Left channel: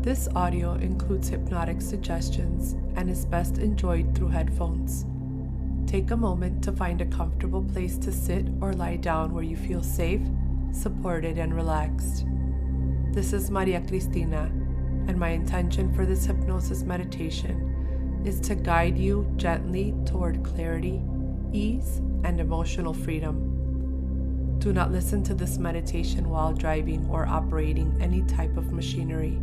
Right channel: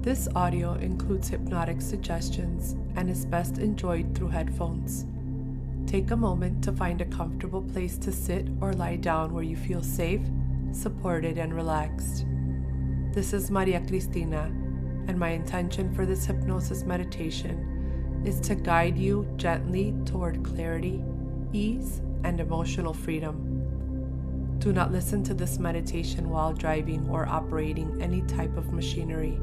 This audio includes hypnotic suggestions and is best enjoyed through headphones. Take a moment to find a comfortable place to sit or lie down where you feel safe, supported, and relaxed. This is Maria Cristina, and my intention for this hypnosis meditation is to guide you gently toward clarity, ease, and emotional freedom. Do not listen to this meditation while driving or operating any type of machinery.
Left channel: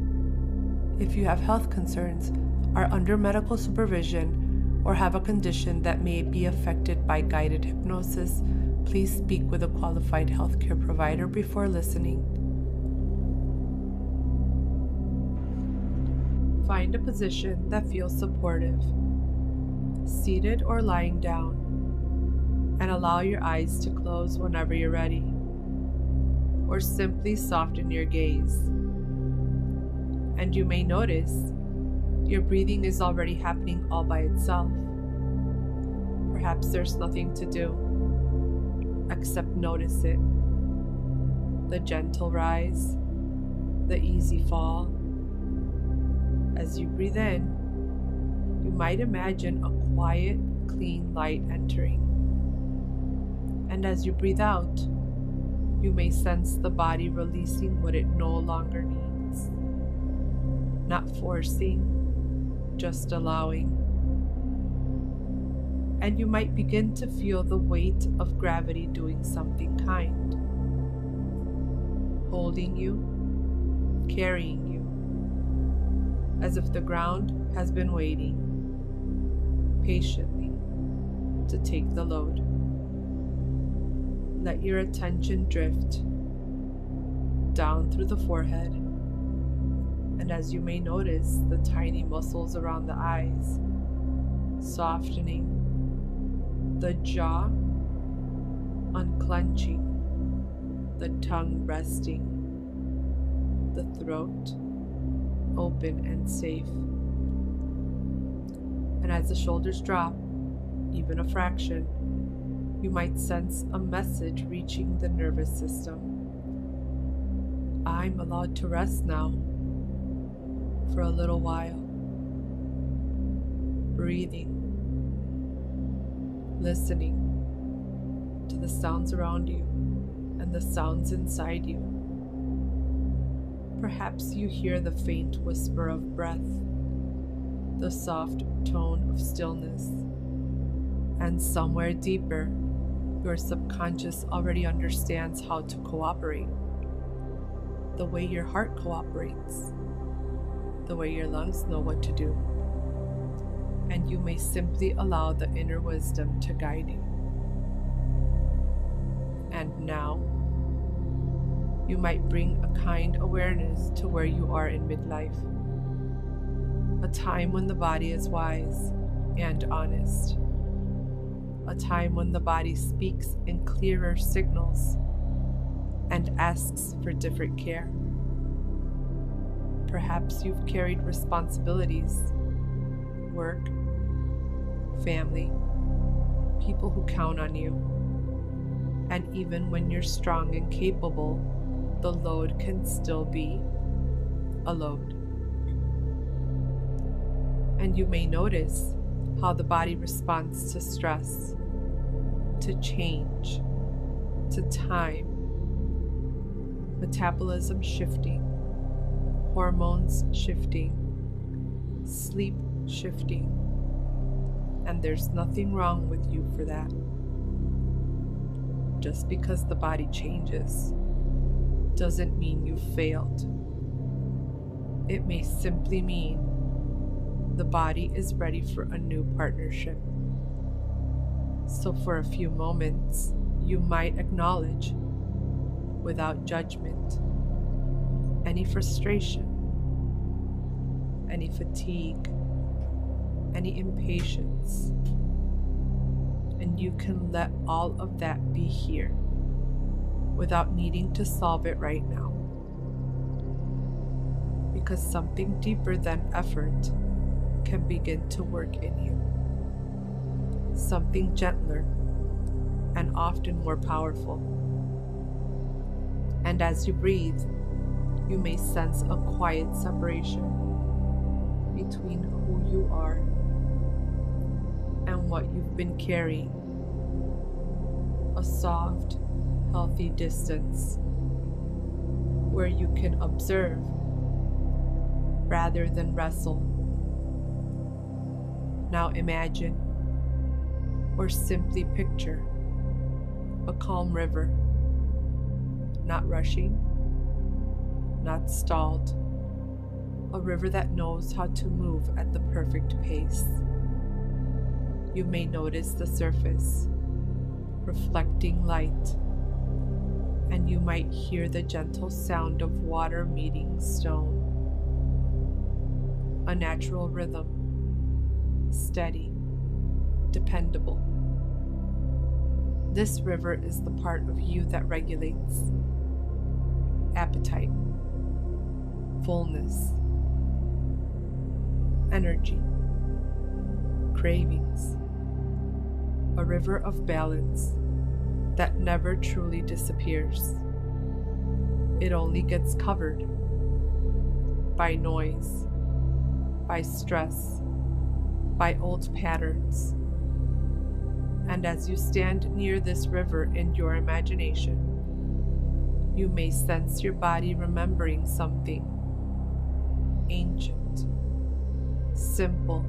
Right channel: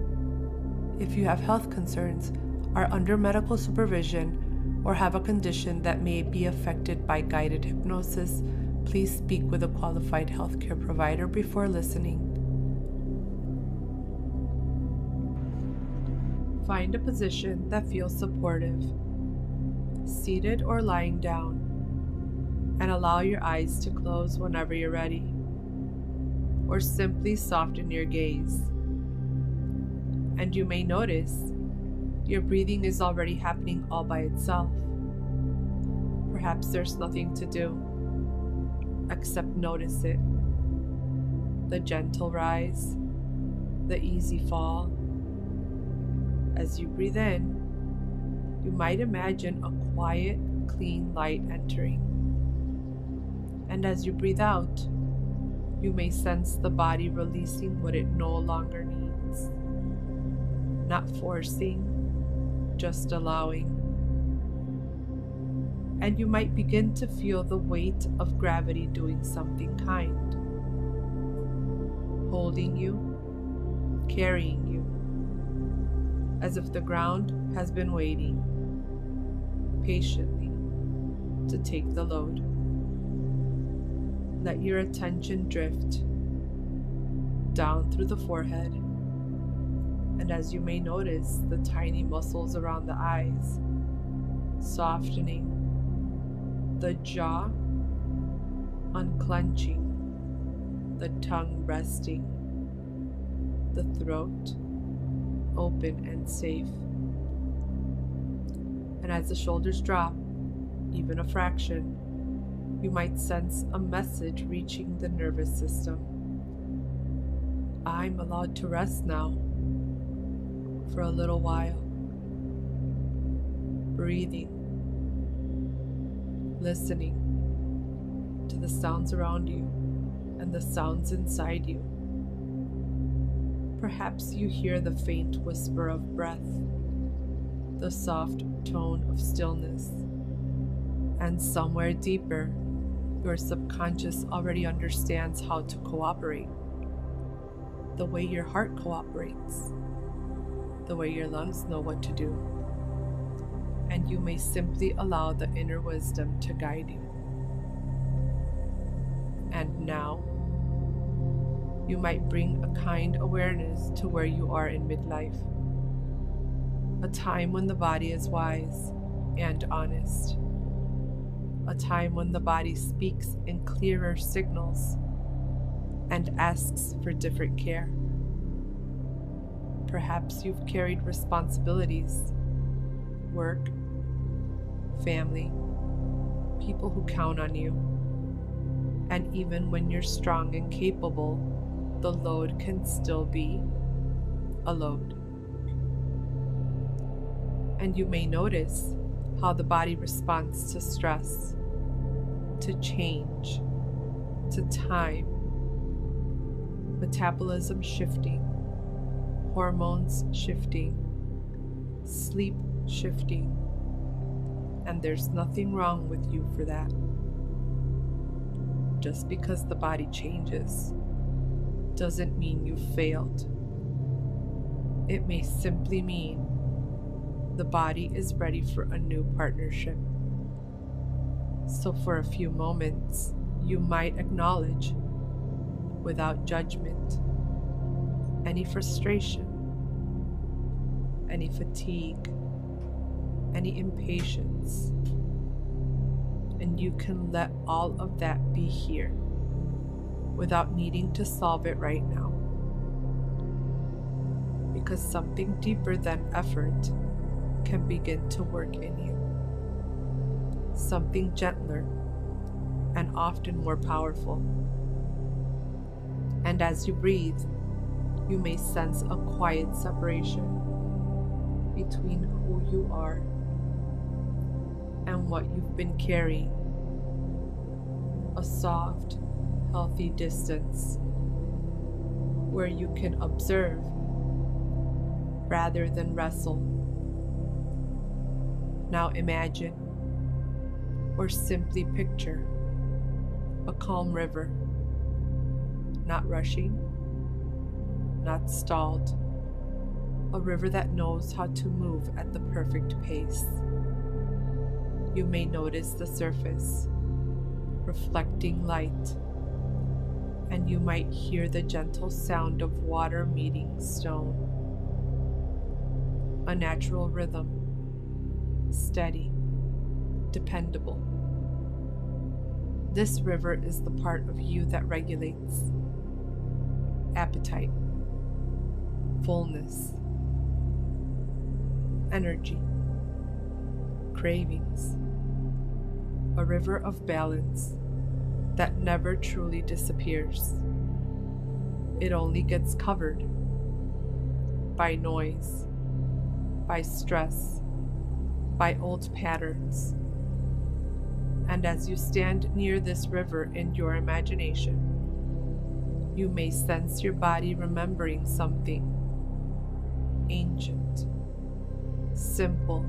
If you have health concerns, are under medical supervision, or have a condition that may be affected by guided hypnosis, please speak with a qualified healthcare provider before listening. Find a position that feels supportive, seated or lying down, and allow your eyes to close whenever you're ready, or simply soften your gaze. And you may notice your breathing is already happening all by itself. Perhaps there's nothing to do except notice it. The gentle rise, the easy fall. As you breathe in, you might imagine a quiet, clean light entering. And as you breathe out, you may sense the body releasing what it no longer needs. Not forcing, just allowing. And you might begin to feel the weight of gravity doing something kind, holding you, carrying you, as if the ground has been waiting patiently to take the load. Let your attention drift down through the forehead, and as you may notice, the tiny muscles around the eyes softening, the jaw unclenching, the tongue resting, the throat open and safe. And as the shoulders drop, even a fraction, you might sense a message reaching the nervous system. I'm allowed to rest now for a little while. Breathing, listening to the sounds around you and the sounds inside you. Perhaps you hear the faint whisper of breath, the soft tone of stillness, and somewhere deeper, your subconscious already understands how to cooperate. The way your heart cooperates, the way your lungs know what to do. And you may simply allow the inner wisdom to guide you. And now, you might bring a kind awareness to where you are in midlife, a time when the body is wise and honest, a time when the body speaks in clearer signals and asks for different care. Perhaps you've carried responsibilities, work, family, people who count on you, and even when you're strong and capable, the load can still be a load. And you may notice how the body responds to stress, to change, to time, metabolism shifting, hormones shifting, sleep shifting, and there's nothing wrong with you for that. Just because the body changes doesn't mean you failed. It may simply mean the body is ready for a new partnership. So for a few moments, you might acknowledge, without judgment, any frustration, any fatigue, any impatience, and you can let all of that be here without needing to solve it right now. Because something deeper than effort can begin to work in you. Something gentler and often more powerful. And as you breathe, you may sense a quiet separation between who you are and what you've been carrying. A soft, healthy distance where you can observe rather than wrestle. Now imagine or simply picture a calm river, not rushing, not stalled, a river that knows how to move at the perfect pace. You may notice the surface reflecting light, and you might hear the gentle sound of water meeting stone. A natural rhythm, steady, dependable. This river is the part of you that regulates appetite, fullness, energy, cravings. A river of balance that never truly disappears. It only gets covered by noise, by stress, by old patterns. And as you stand near this river in your imagination, you may sense your body remembering something ancient, simple,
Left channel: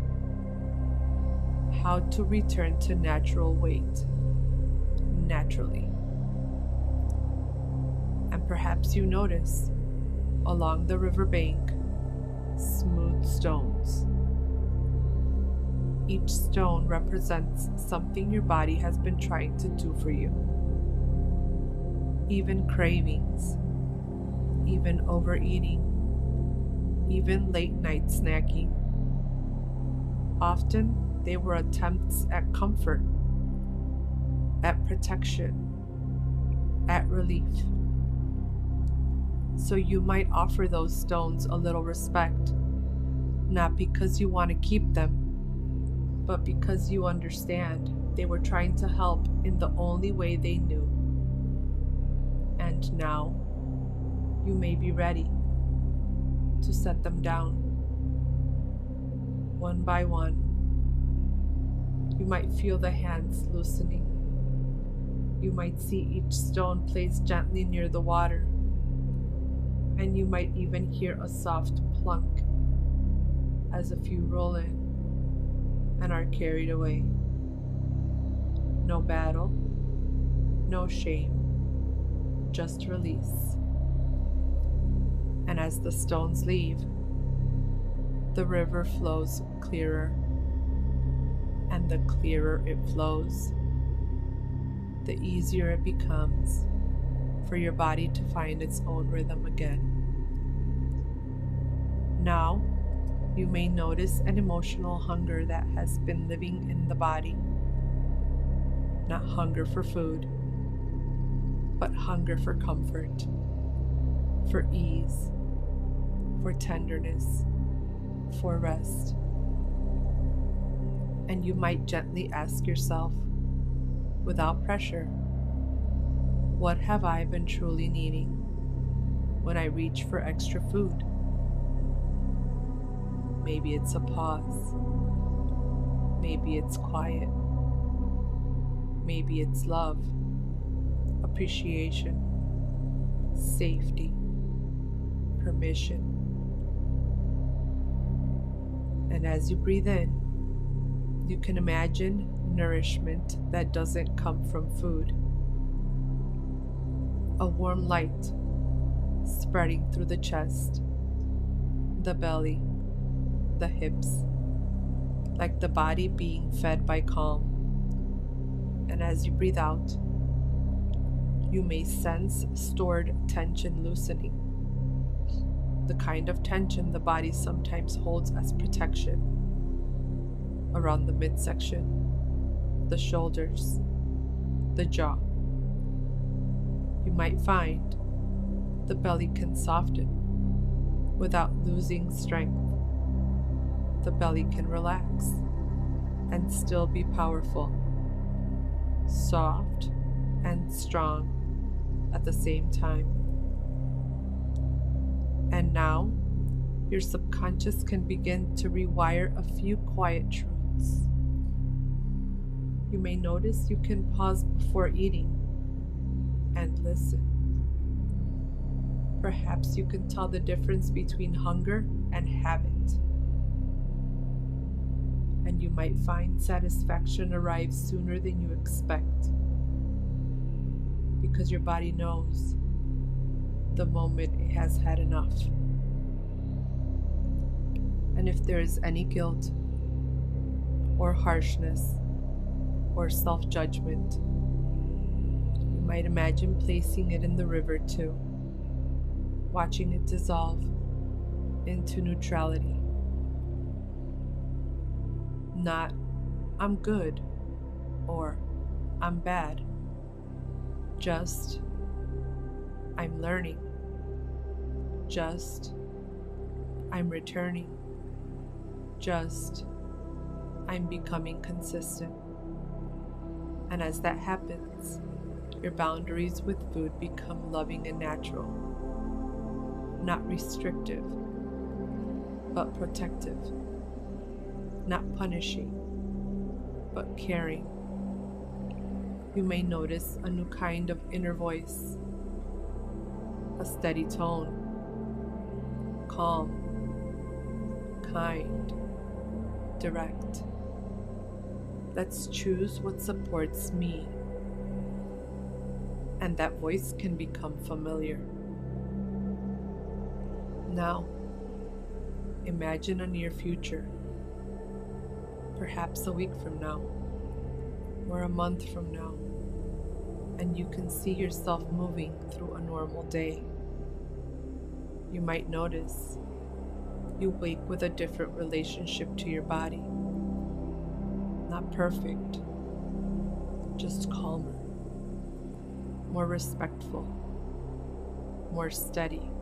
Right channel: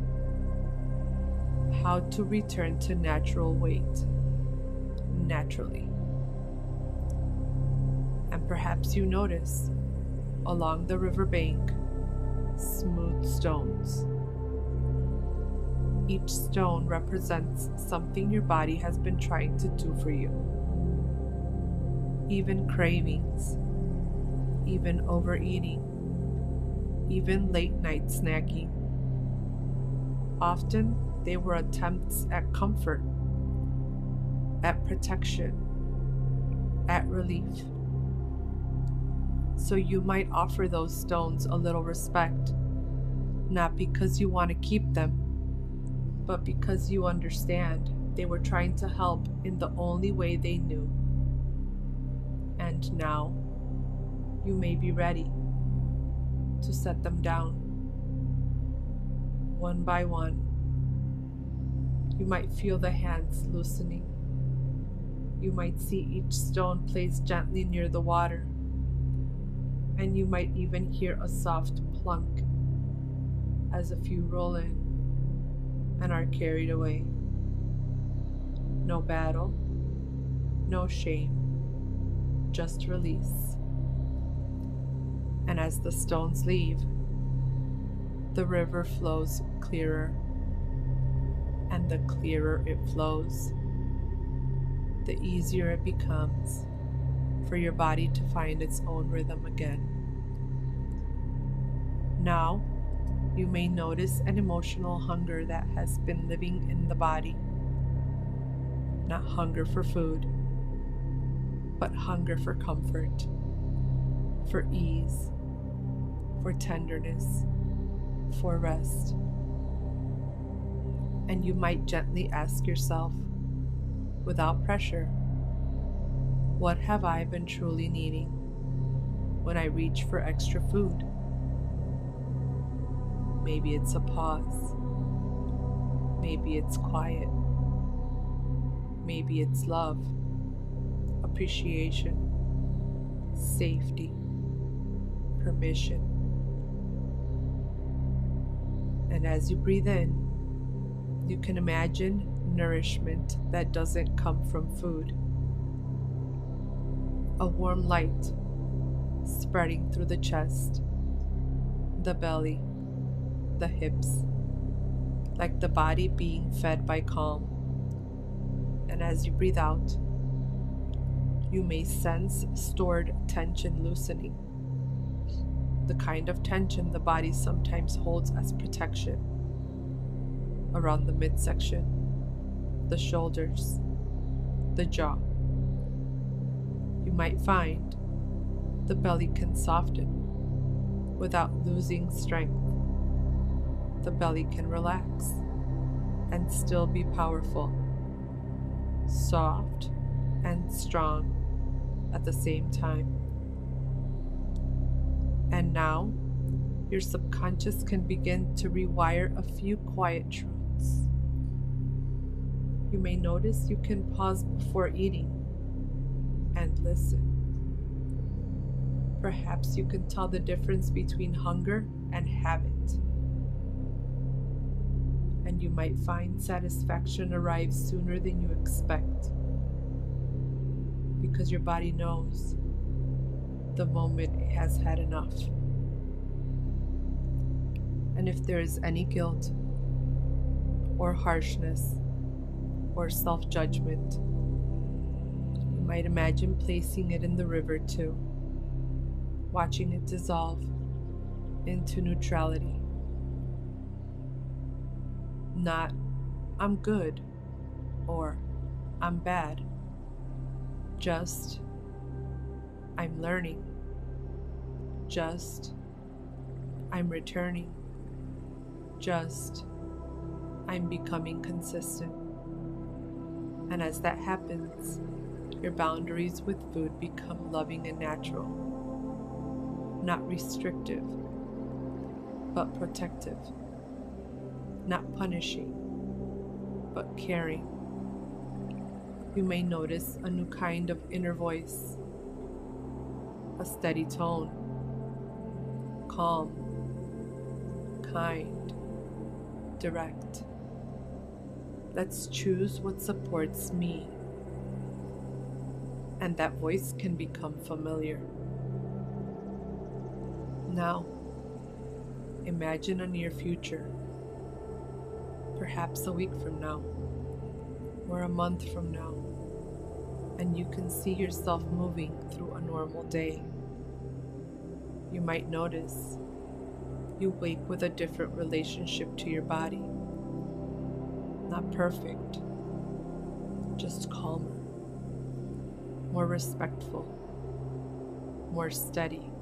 how to return to natural weight, naturally. And perhaps you notice along the riverbank smooth stones. Each stone represents something your body has been trying to do for you. Even cravings, even overeating, even late night snacking. Often they were attempts at comfort, at protection, at relief. So you might offer those stones a little respect, not because you want to keep them, but because you understand they were trying to help in the only way they knew. And now, you may be ready to set them down. One by one, you might feel the hands loosening. You might see each stone placed gently near the water, and you might even hear a soft plunk as a few roll in and are carried away. No battle, no shame, just release. And as the stones leave, the river flows clearer, and the clearer it flows, the easier it becomes for your body to find its own rhythm again. Now, you may notice an emotional hunger that has been living in the body. Not hunger for food, but hunger for comfort, for ease, for tenderness, for rest. And you might gently ask yourself, without pressure, what have I been truly needing when I reach for extra food? Maybe it's a pause. Maybe it's quiet. Maybe it's love, appreciation, safety, permission. And as you breathe in, you can imagine nourishment that doesn't come from food. A warm light spreading through the chest, the belly, the hips, like the body being fed by calm. And as you breathe out, you may sense stored tension loosening, the kind of tension the body sometimes holds as protection around the midsection, the shoulders, the jaw. You might find the belly can soften without losing strength. The belly can relax and still be powerful, soft and strong at the same time. Now, your subconscious can begin to rewire a few quiet truths. You may notice you can pause before eating and listen. Perhaps you can tell the difference between hunger and habit. And you might find satisfaction arrives sooner than you expect, because your body knows the moment it has had enough. And if there is any guilt or harshness or self-judgment, you might imagine placing it in the river too, watching it dissolve into neutrality. Not, I'm good, or I'm bad. Just, I'm learning. Just, I'm returning. Just, I'm becoming consistent. And as that happens, your boundaries with food become loving and natural. Not restrictive, but protective. Not punishing, but caring. You may notice a new kind of inner voice, a steady tone, calm, kind, direct. Let's choose what supports me, and that voice can become familiar. Now, imagine a near future. Perhaps a week from now, or a month from now, and you can see yourself moving through a normal day. You might notice you wake with a different relationship to your body. Not perfect, just calmer, more respectful, more steady.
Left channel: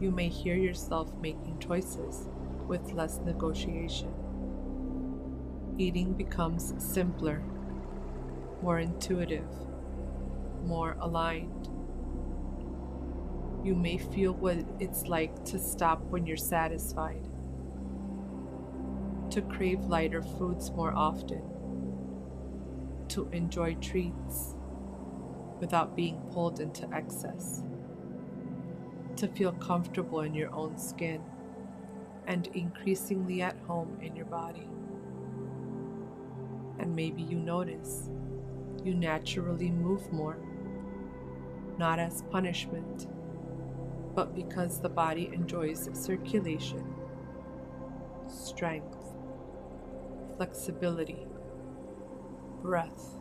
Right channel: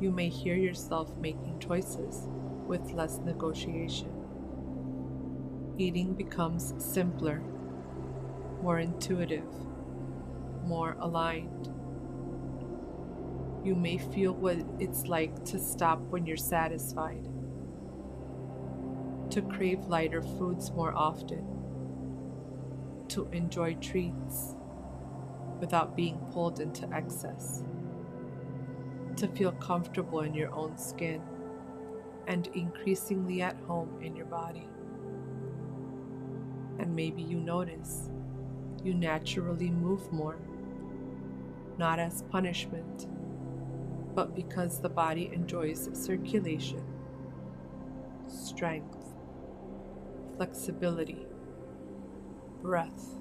You may hear yourself making choices with less negotiation. Eating becomes simpler, more intuitive, more aligned. You may feel what it's like to stop when you're satisfied, to crave lighter foods more often, to enjoy treats without being pulled into excess, to feel comfortable in your own skin and increasingly at home in your body. And maybe you notice you naturally move more, not as punishment, but because the body enjoys circulation, strength, flexibility, breath.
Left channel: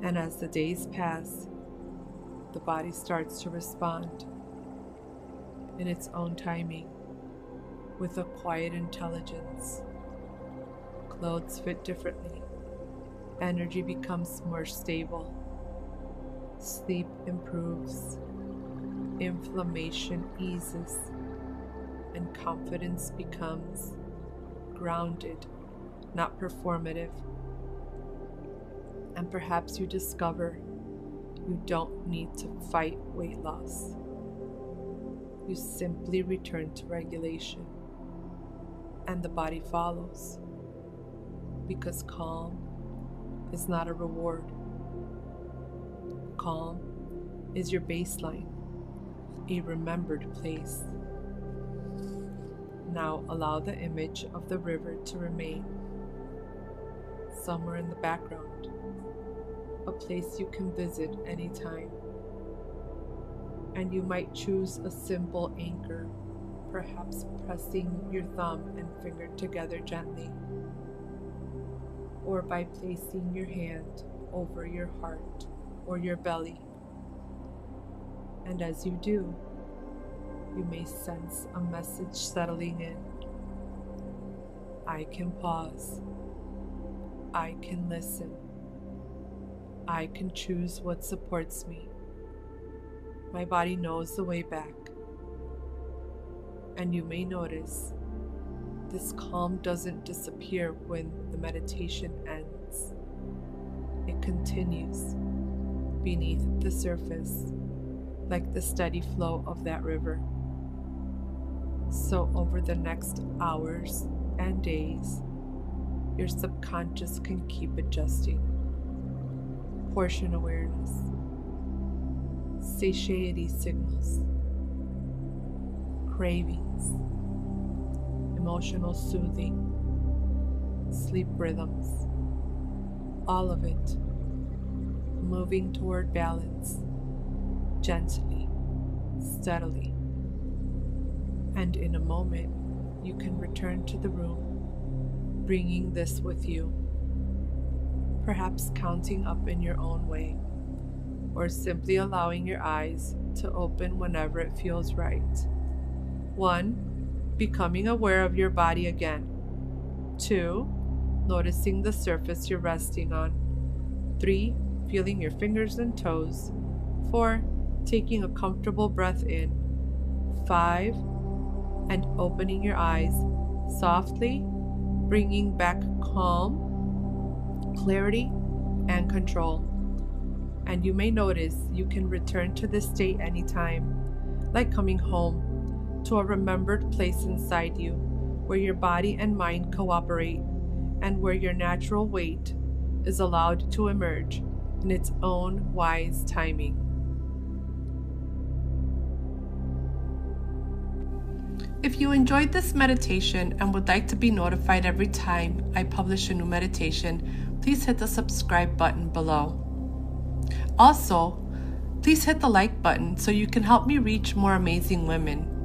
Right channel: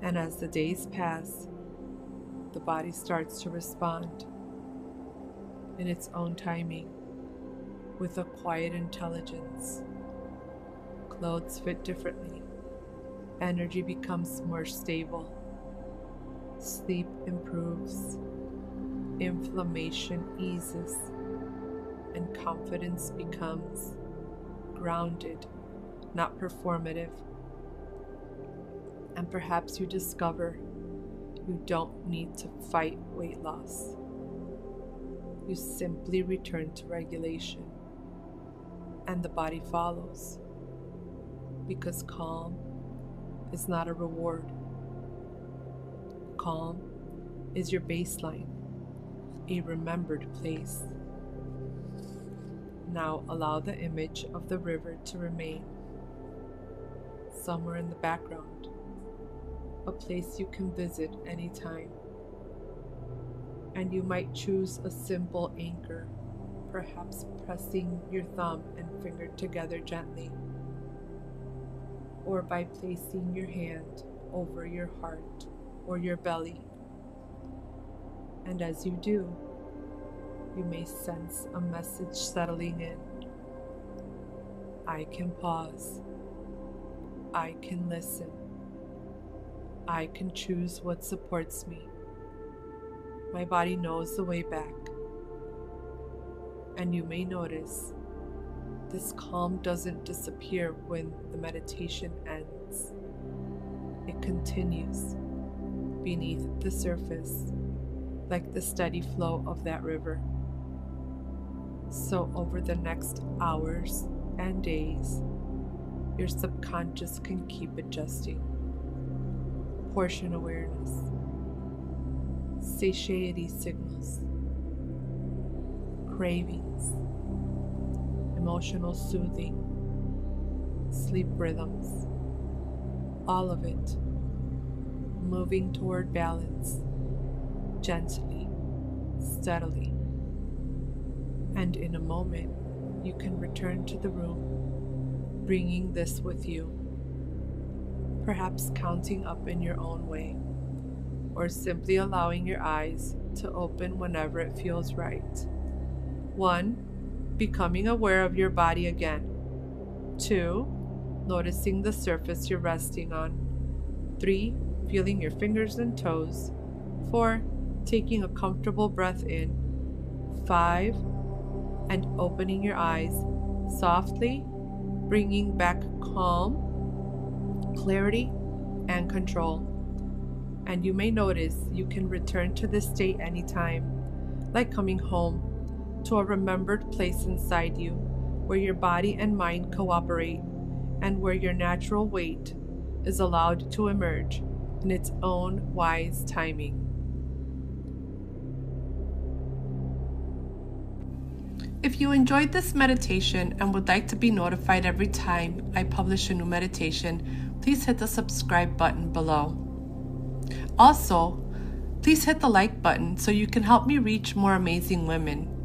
And as the days pass, the body starts to respond in its own timing with a quiet intelligence. Clothes fit differently, energy becomes more stable, sleep improves, inflammation eases, and confidence becomes grounded, not performative. And perhaps you discover you don't need to fight weight loss. You simply return to regulation, and the body follows. Because calm is not a reward. Calm is your baseline, a remembered place. Now allow the image of the river to remain somewhere in the background, a place you can visit anytime. And you might choose a simple anchor, perhaps pressing your thumb and finger together gently, or by placing your hand over your heart or your belly. And as you do, you may sense a message settling in. I can pause. I can listen. I can choose what supports me. My body knows the way back. And you may notice this calm doesn't disappear when the meditation ends. It continues beneath the surface, like the steady flow of that river. So over the next hours and days, your subconscious can keep adjusting. Portion awareness, satiety signals, cravings, emotional soothing, sleep rhythms, all of it moving toward balance, gently, steadily. And in a moment, you can return to the room, bringing this with you, perhaps counting up in your own way, or simply allowing your eyes to open whenever it feels right. 1, becoming aware of your body again. 2, noticing the surface you're resting on. 3, feeling your fingers and toes. 4, taking a comfortable breath in. 5, and opening your eyes softly, bringing back calm, clarity, and control. And you may notice you can return to this state anytime, like coming home to a remembered place inside you where your body and mind cooperate and where your natural weight is allowed to emerge in its own wise timing. If you enjoyed this meditation and would like to be notified every time I publish a new meditation, please hit the subscribe button below. Also, please hit the like button so you can help me reach more amazing women.